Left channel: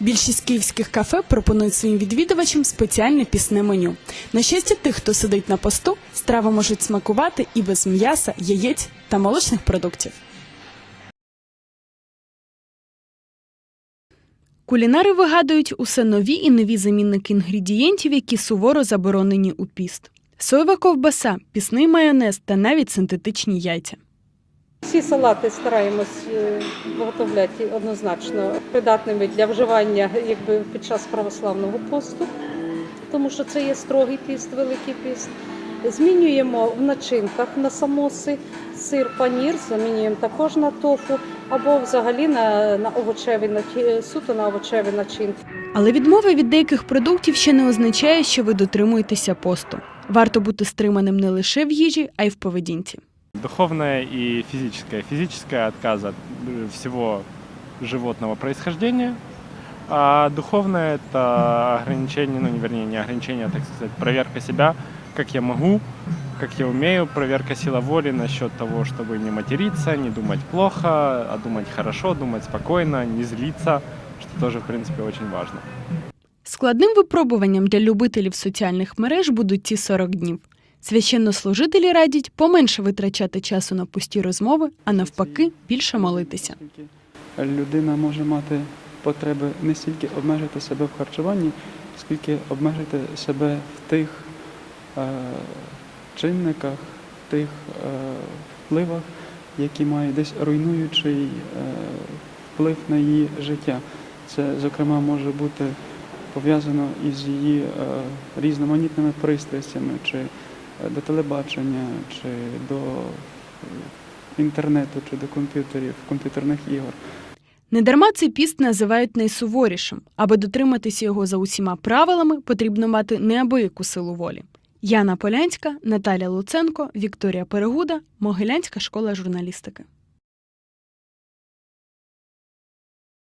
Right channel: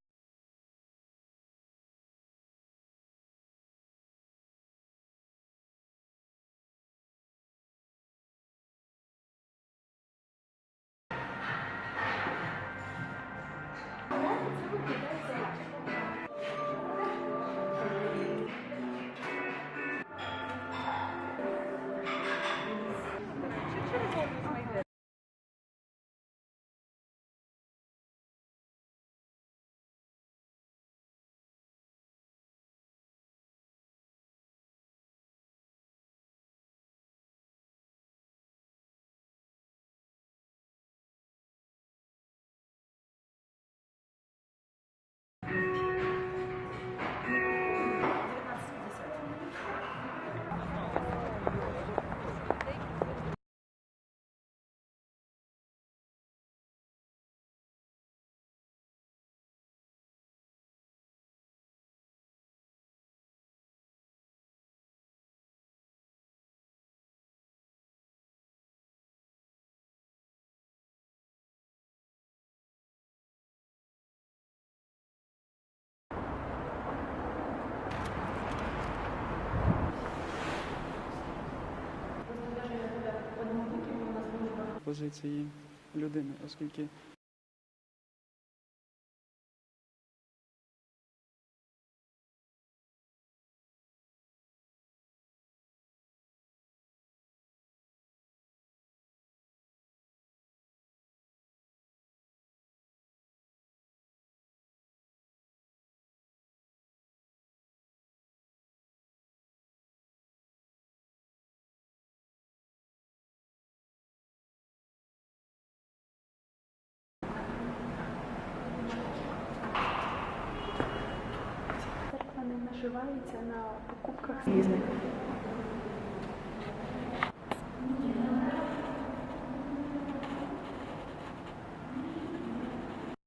Більшість київських кафе пропонують своїм відвідувачам спеціальне пісне меню. На щастя тих, хто сидить на посту, страви можуть смакувати і без м'яса, яєць та молочних продуктів. Кулінари вигадують усе нові і нові замінники інгредієнтів, які суворо заборонені у піст. Соєва ковбаса, пісний майонез та навіть синтетичні яйця. Всі салати стараємось е, виготовляти однозначно придатними для вживання якби, під час православного посту, тому що це є строгий піст, великий піст. Змінюємо в начинках на самоси, сир, панір, замінюємо також на тофу або взагалі на, на овочеві начи- суто на овочеві начинки. Але відмова від деяких продуктів ще не означає, що ви дотримуєтеся посту. Варто бути стриманим не лише в їжі, а й в поведінці. Духовное и физическое. Физическое отказ от э, всего животного происхождения, а духовное это ограничение, ну не вернее не ограничение, а так сказать, проверка себя, как я могу, как я умею, проверка сила воли насчет того, чтобы не материться, не думать плохо, а думать хорошо, думать спокойно, не злиться, что тоже в принципе очень важно. Складним випробуванням для любителів соціальних мереж будуть ці 40 днів. Священнослужителі радять поменше витрачати часу на пусті розмови, а навпаки, більше молитися. Людина може мати потреби не стільки обмежити себе в харчуванні, скільки обмежити себе в тих е, чинниках, тих е, впливах, які мають десь руйнуючий е, вплив на її життя. Це, зокрема, може бути пов'язано із її е, різноманітними пристрастями, чи е, до телебачення, чи до е, інтернету, чи до комп'ютерів, комп'ютерних ігор. Недарма цей піст називають найсуворішим. Аби дотриматися його за усіма правилами, потрібно мати неабияку силу волі. Яна Полянська, Наталя Луценко, Вікторія Перегуда, Могилянська школа журналістики.